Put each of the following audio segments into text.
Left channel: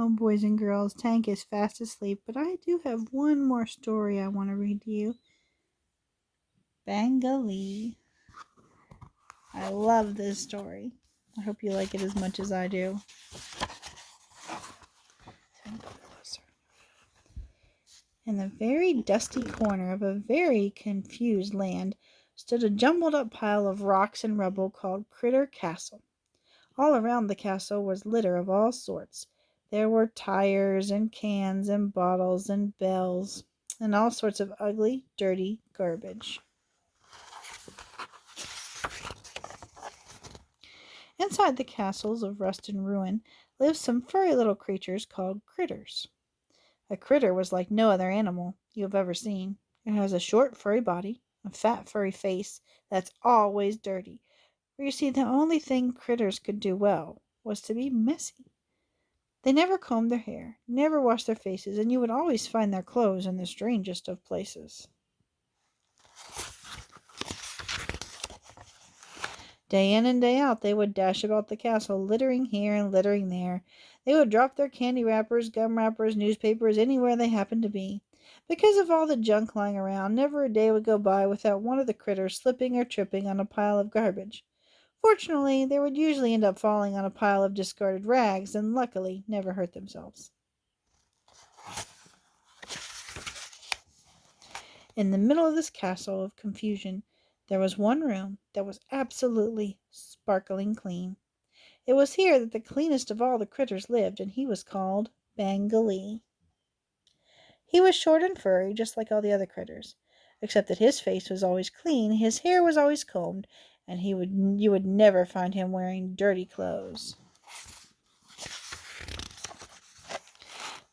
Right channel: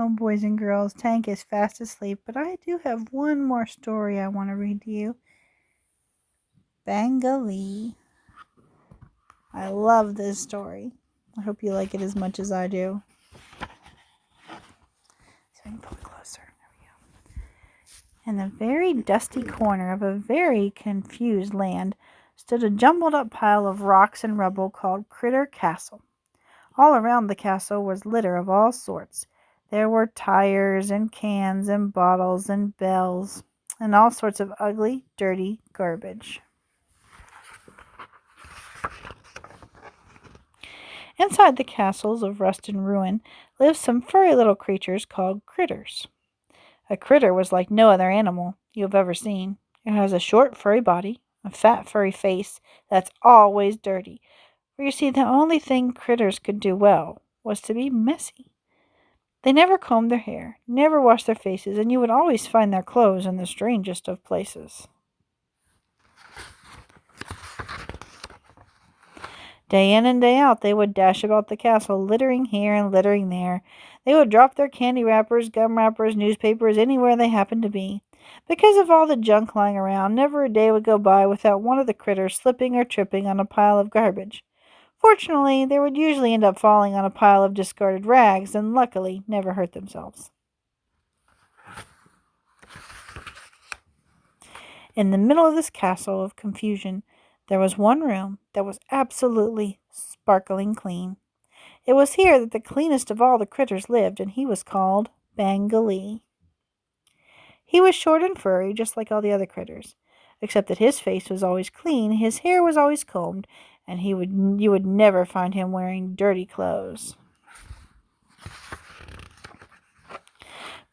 Oh, boys and girls, Tank is fast asleep, but I do have one more story I want to read to you. Bangalee. I love this story. I hope you like it as much as I do. So I can go closer. In the very dusty corner of a very confused land stood a jumbled up pile of rocks and rubble called Critter Castle. All around the castle was litter of all sorts. There were tires and cans and bottles and bells and all sorts of ugly, dirty garbage. Inside the castles of rust and ruin lived some furry little creatures called critters. A critter was like no other animal you have ever seen. It has a short, furry body, a fat, furry face that's always dirty. For you see, the only thing critters could do well was to be messy. They never combed their hair, never washed their faces, and you would always find their clothes in the strangest of places. Day in and day out, they would dash about the castle, littering here and littering there. They would drop their candy wrappers, gum wrappers, newspapers, anywhere they happened to be. Because of all the junk lying around, never a day would go by without one of the critters slipping or tripping on a pile of garbage. Fortunately, they would usually end up falling on a pile of discarded rags and luckily never hurt themselves. In the middle of this castle of confusion, there was one room that was absolutely sparkling clean. It was here that the cleanest of all the critters lived, and he was called Bangalee. He was short and furry, just like all the other critters, except that his face was always clean, his hair was always combed, and you would never find him wearing dirty clothes.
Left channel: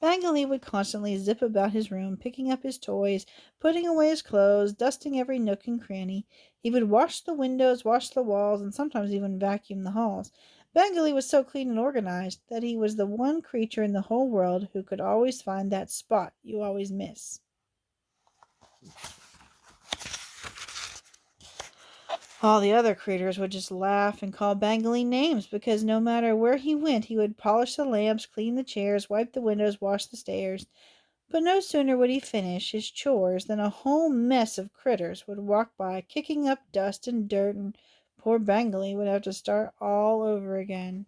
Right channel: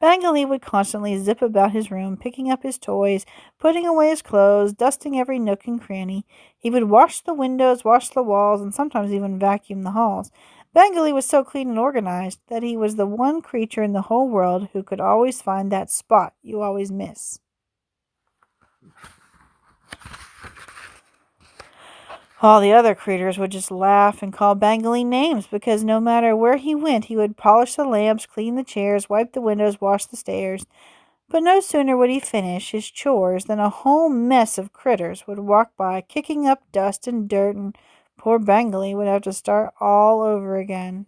Bangalee would constantly zip about his room, picking up his toys, putting away his clothes, dusting every nook and cranny. He would wash the windows, wash the walls, and sometimes even vacuum the halls. Bangalee was so clean and organized that he was the one creature in the whole world who could always find that spot you always miss. All the other critters would just laugh and call Bangalee names because no matter where he went, he would polish the lamps, clean the chairs, wipe the windows, wash the stairs. But no sooner would he finish his chores than a whole mess of critters would walk by, kicking up dust and dirt, and poor Bangalee would have to start all over again.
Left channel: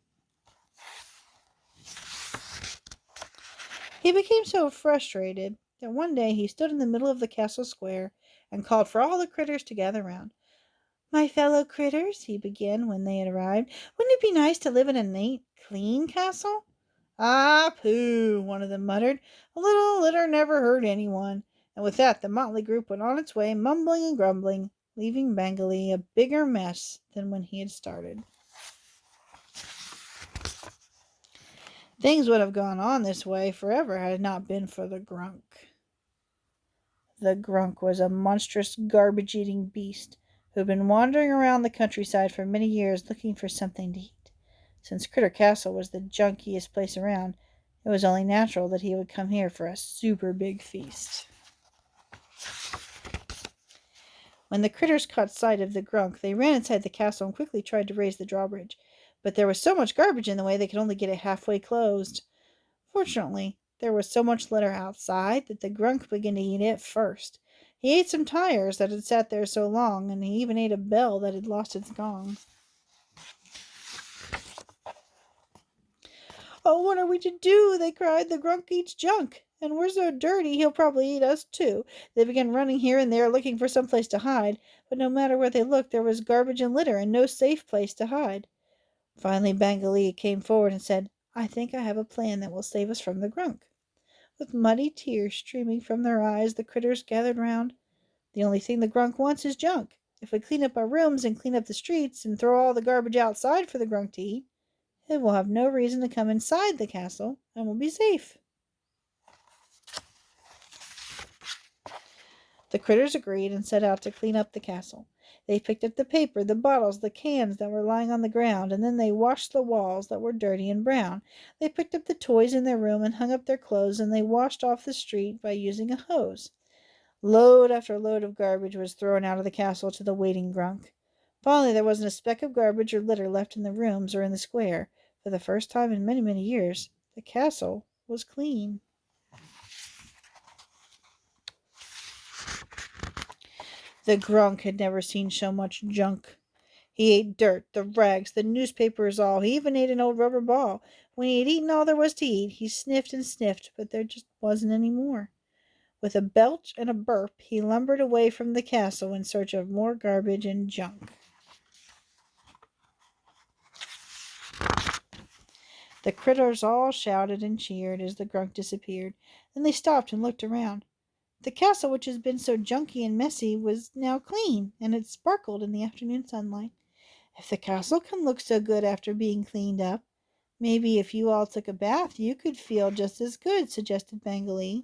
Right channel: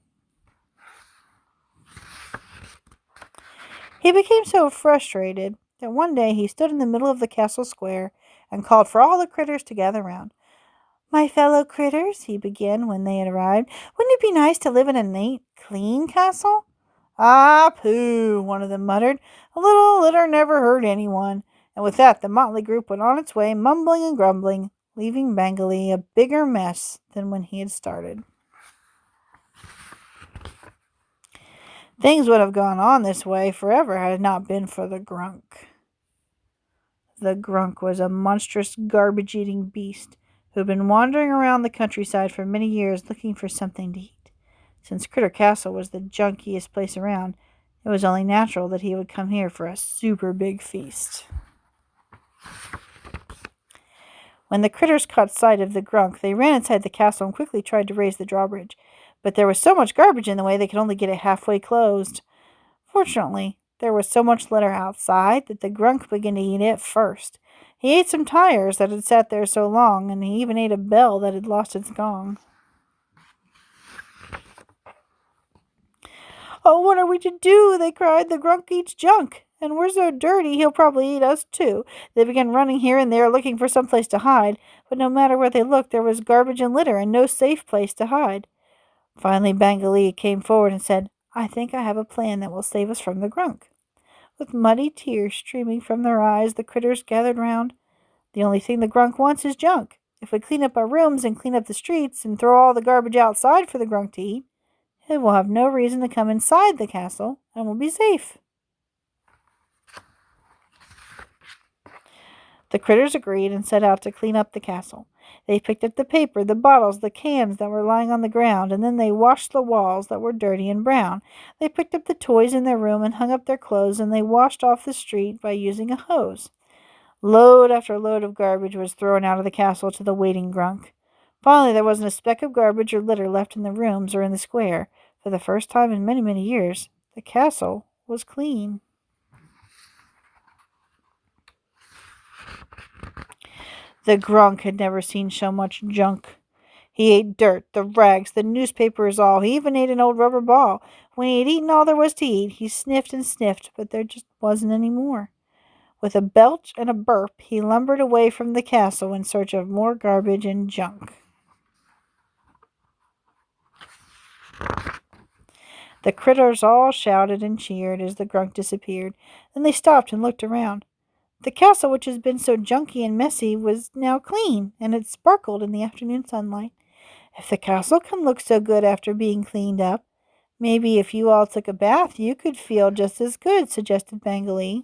He became so frustrated that one day he stood in the middle of the castle square and called for all the critters to gather round. "My fellow critters," he began when they had arrived, "wouldn't it be nice to live in a neat, clean castle?" "Ah, pooh," one of them muttered. "A little litter never hurt anyone." And with that, the motley group went on its way, mumbling and grumbling, leaving Bangalee a bigger mess than when he had started. Things would have gone on this way forever had it not been for the Grunk. The Grunk was a monstrous garbage-eating beast who had been wandering around the countryside for many years looking for something to eat. Since Critter Castle was the junkiest place around, it was only natural that he would come here for a super big feast. When the critters caught sight of the Grunk, they ran inside the castle and quickly tried to raise the drawbridge. But there was so much garbage in the way they could only get it halfway closed. Fortunately, there was so much litter outside that the Grunk began to eat it first. He ate some tires that had sat there so long, and he even ate a bell that had lost its gong. "Oh, what are we to do?" they cried. "The Grunk eats junk, and we're so dirty he'll probably eat us too." They began running here and there looking for some place to hide, but no matter where they looked, there was garbage and litter and no safe place to hide. Finally, Bangalee came forward and said, "I think I have a plan that will save us from the Grunk." With muddy tears streaming from their eyes, the critters gathered round. "The only thing the Grunk wants is junk. If we clean up our rooms and clean up the streets and throw all the garbage outside for the Grunk to eat, it will have no reason to come inside the castle and will be safe." The critters agreed and set out to clean up the castle. They picked up the paper, the bottles, the cans that were lying on the ground, and then they washed the walls that were dirty and brown. They picked up the toys in their room and hung up their clothes, and they washed off the street by using a hose. Load after load of garbage was thrown out of the castle to the waiting Grunk. Finally, there wasn't a speck of garbage or litter left in the rooms or in the square. For the first time in many, many years, The castle was clean. The Grunk had never seen so much junk. He ate dirt, the rags, the newspapers, all. He even ate an old rubber ball. When he had eaten all there was to eat, he sniffed and sniffed, but there just wasn't any more. With a belch and a burp, he lumbered away from the castle in search of more garbage and junk. The critters all shouted and cheered as the Grunk disappeared. Then they stopped and looked around. The castle, which had been so junky and messy, was now clean, and it sparkled in the afternoon sunlight. If the castle can look so good after being cleaned up, maybe if you all took a bath you could feel just as good, suggested Bangalee.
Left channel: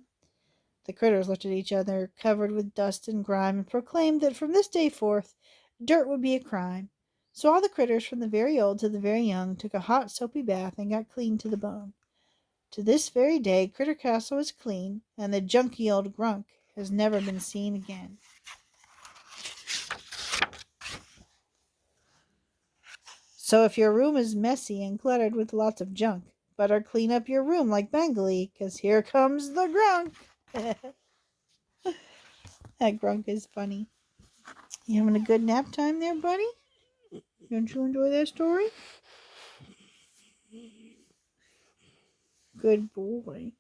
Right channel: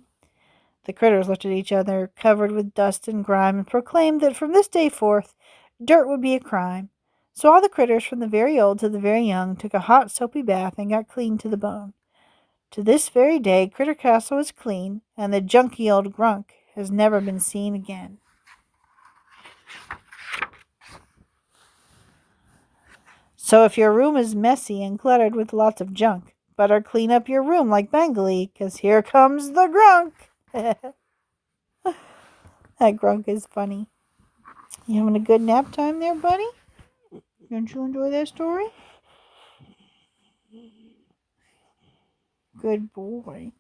The critters looked at each other, covered with dust and grime, and proclaimed that from this day forth dirt would be a crime. So all the critters, from the very old to the very young, took a hot soapy bath and got clean to the bone. To this very day Critter Castle is clean, and the junky old Grunk has never been seen again. So if your room is messy and cluttered with lots of junk, better clean up your room like Bangalee, 'cause here comes the Grunk. That Grunk is funny. You having a good nap time there, buddy? Don't you enjoy that story? Good boy.